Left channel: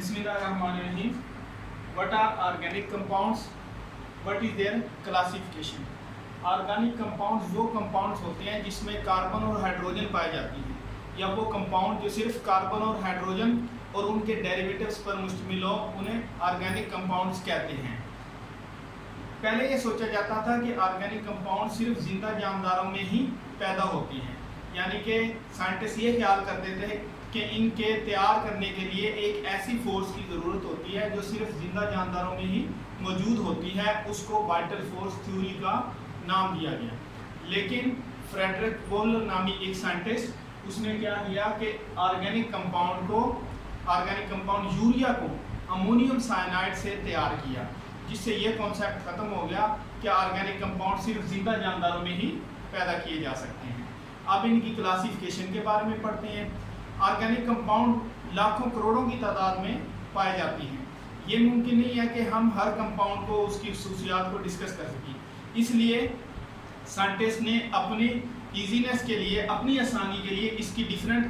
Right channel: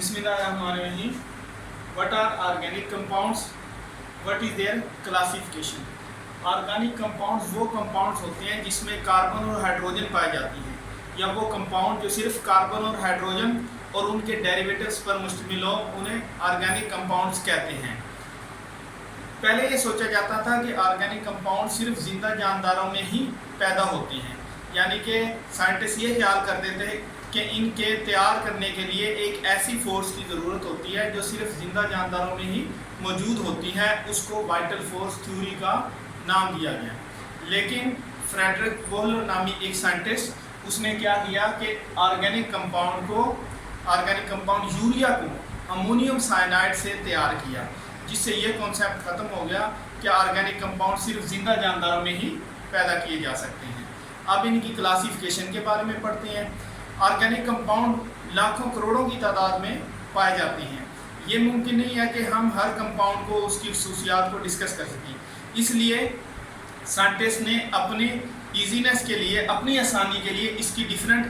बिस्मिल्लाहिर्रहमानिर्रहीम। What are organic compounds, what is their classification. Organic compounds वो compounds होते हैं जिसमें कार्बन और हाइड्रोजन पाई जाती हैं, या वो कंपाउंड जो सिर्फ कार्बन और हाइड्रोजन और उनके डेरिवेटिव्स पर मुश्तमिल हो, उन्हें ऑर्गेनिक कंपाउंड्स कहते हैं। पहले ये सोचा जाता था कि ऑर्गेनिक कंपाउंड सिर्फ जिंदा जानदारों में ही पैदा होते हैं, यानी कि साइंटिस्ट ये ख्याल करते थे कि इनके तैयार करने के लिए एक ऐसी फोर्स की ज़रूरत होती है जो सिर्फ जिंदा जानदारों में ही मौजूद होती है। उसको वाइटल फोर्स थ्योरी का नाम दिया गया। लेकिन फ्रेडरिक वोहलर नामी एक साइंटिस्ट, उसने क्या किया कि ऑर्गेनिक कंपाउंड यूरिया को अमोनियम साइनाइड से तैयार किया, जिससे ये कॉन्सेप्ट ख़त्म हो गया कि ऑर्गेनिक कंपाउंड सिर्फ जिंदा जानदारों में ही पैदा किए जा सकते हैं। अब इनकी क्लासिफिकेशन के बारे में पढ़ते हैं। ऑर्गेनिक कंपाउंड लाखों करोड़ों की तादाद में पाए जाते हैं। ये मुमकिन नहीं है कि हम हर कंपाउंड को उसकी खसूसियात को डिस्कस कर सकें, इसलिए साइंटिस्ट ने अपनी ईजीनेस के लिए, अपनी आसानी के लिए इसकी डिफरेंट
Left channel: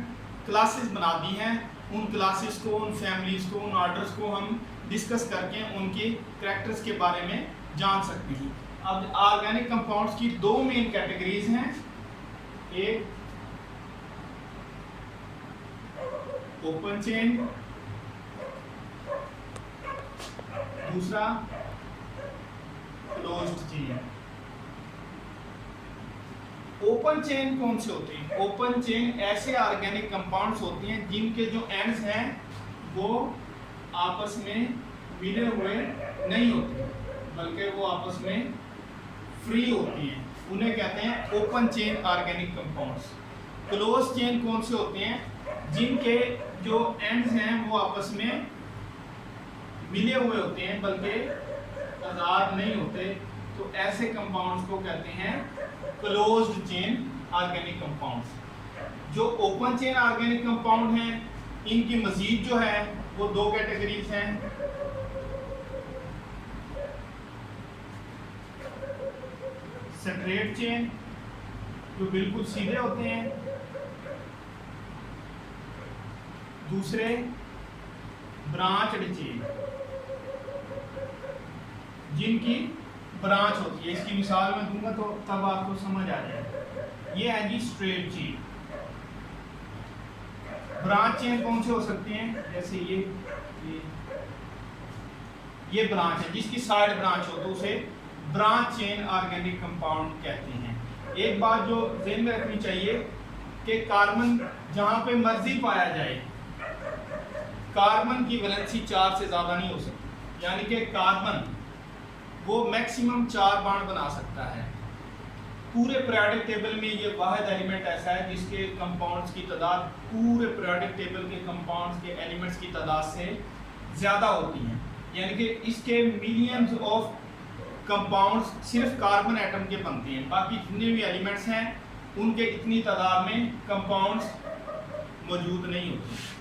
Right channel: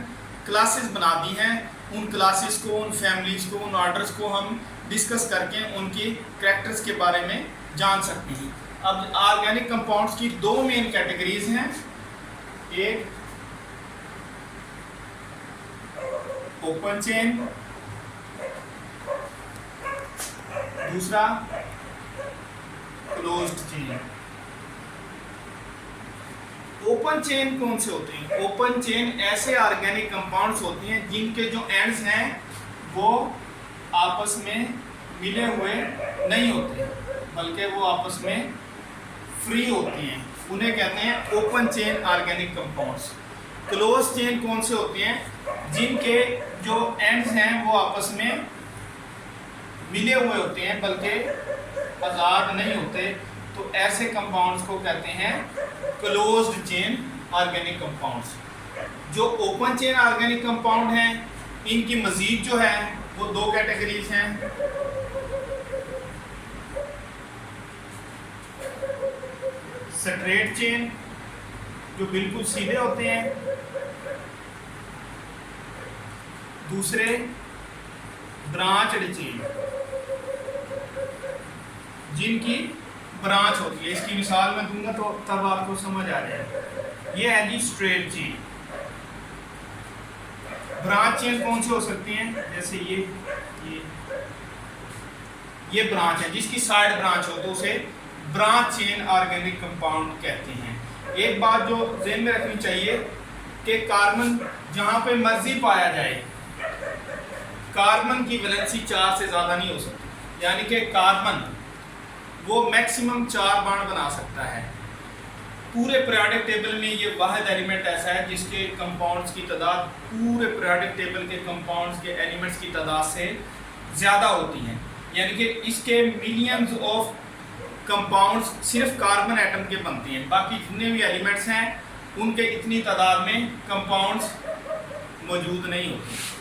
क्लासेस बना दी हैं। उन क्लासेस को, उन फैमिलीज़ को, उन ऑर्डर्स को हम डिस्कस करके उनकी कैरेक्टर्स के बारे में जान सकते हैं। अब ऑर्गेनिक कंपाउंड्स की दो मेन कैटेगरीज हैं, एक ओपन चेन, दूसरा क्लोज्ड चेन। ओपन चेन कौन से होते हैं? ओपन चेन ऐसे ऑर्गेनिक कंपाउंड्स होते हैं जिनके जो एंड्स हैं वो आपस में मिले हुए नहीं होते, बल्कि वो आपस में फ्री होती हैं। उन्हें कहते हैं open chain organic compounds. Close chain कौन से होते हैं? जिनके जो एंड्स हैं वो आपस में मिले हुए होते हैं, बल्कि आज़ाद नहीं होते। तो ऐसे कंपाउंड्स को कहते हैं क्लोज्ड चेन ऑर्गेनिक कंपाउंड्स। जो ओपन चेन ऑर्गेनिक कंपाउंड हैं, इनकी मज़ीद जो है वो दो कैटेगरीज हैं। स्ट्रेट चेन, जो बिल्कुल सीधे होते हैं, दूसरे ब्रांचड चेन, जिनकी ब्रांच होती है। इसकी मिसाल मैं दूंगा तो तब आपको समझ आ जाएगा। ये है जी स्ट्रेट चेन। ब्रांच चेन कौन से हो सकती हैं? जैसे ये ब्रांच है, जिसकी साइड ब्रांच हो तो उसे ब्रांच चेन ऑर्गेनिक कंपाउंड कहते हैं। एक बात जो ज़हन में रखनी चाहिए कि कार्बन जहाँ पे मर्जी पाया जाए, कार्बन की वैलेंसी 4 से ज़्यादा नहीं हो सकती, यानी कि कार्बन वो मैक्सिमम 4 बॉन्ड बना सकता है। पूरे पीरियोडिक टेबल में ये वाहिद एलिमेंट ऐसा है जिसके कंपाउंड्स की तादाद पूरे पीरियोडिक टेबल के कंपाउंड्स के एलिमेंट्स की तादाद से ज़्यादा होती हैं। यानी कि इसके मिलियंस ऑफ कंपाउंड्स सिर्फ कार्बन एटम के बनते हैं, बाकी जितने भी एलिमेंट्स हैं उनके इतनी तादाद में कंपाउंड्स मौजूद नहीं होते।